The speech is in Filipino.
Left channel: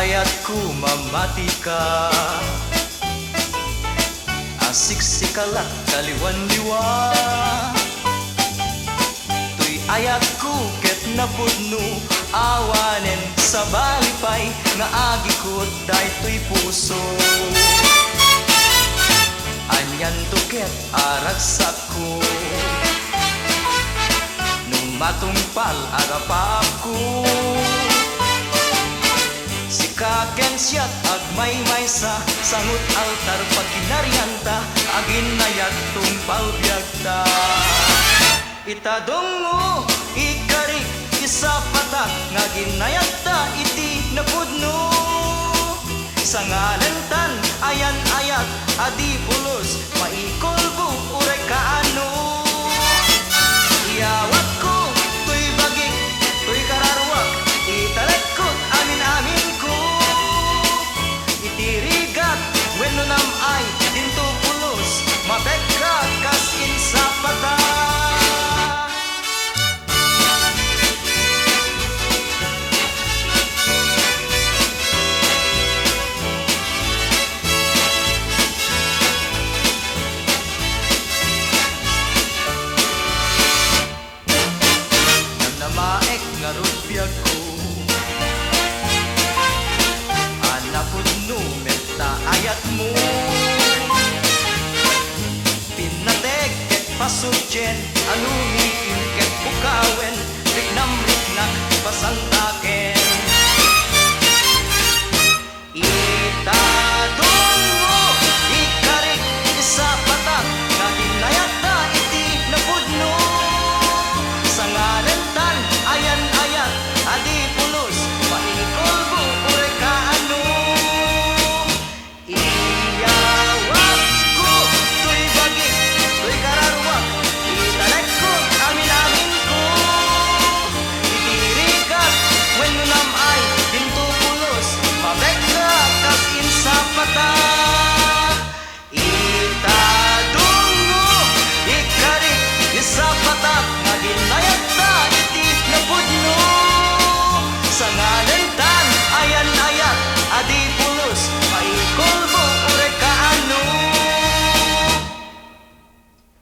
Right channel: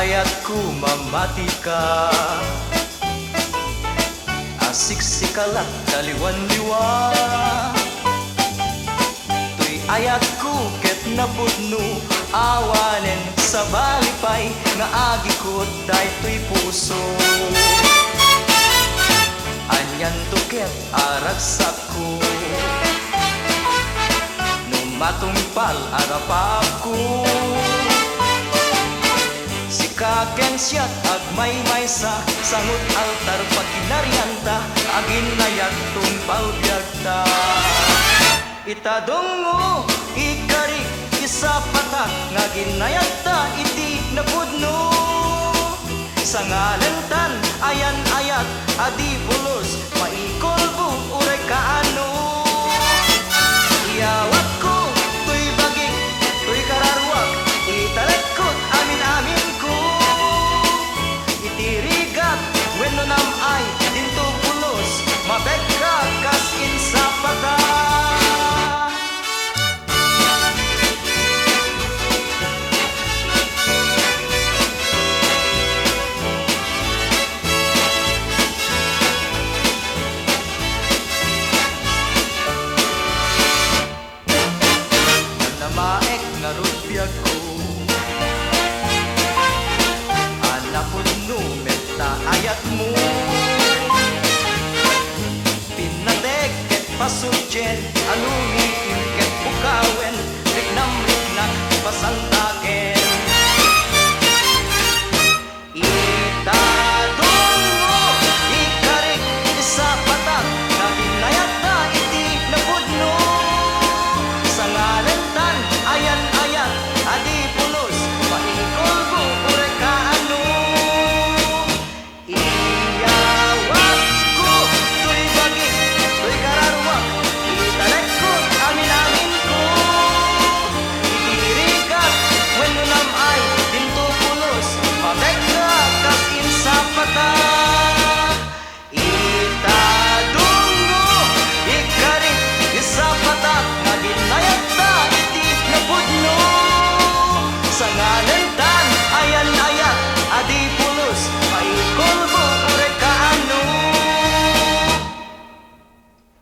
ayat ku mamati ka, asik sikalat kaliwan-liwa. Tuy ayat ku ket napudno, awanen sa balipay, nga agi ko daytoy puso. Anyan tuket aragsak ko, numatumpal arapap ko. Kaken siyat agmay-may sa sangut altar pagkinarianta, aginayat tumpal biyagta. Itadungo ikarik isa patak, nga ginayata iti napudno. Sa ngalantan ayan-ayat adi pulos, maikolbo uray kaano. Iyawat ko tuy bagik tuy kararuak, italagkot amin-amin ko. Itirigat wenno nam ay dinto pulos, mabekka kas in sa pata. Namnamaek nga rudbiyag ko, anapudno metta ayat mo. Pinateg ket pasubjen, alumi ket bukawen, riknam riknak pasanta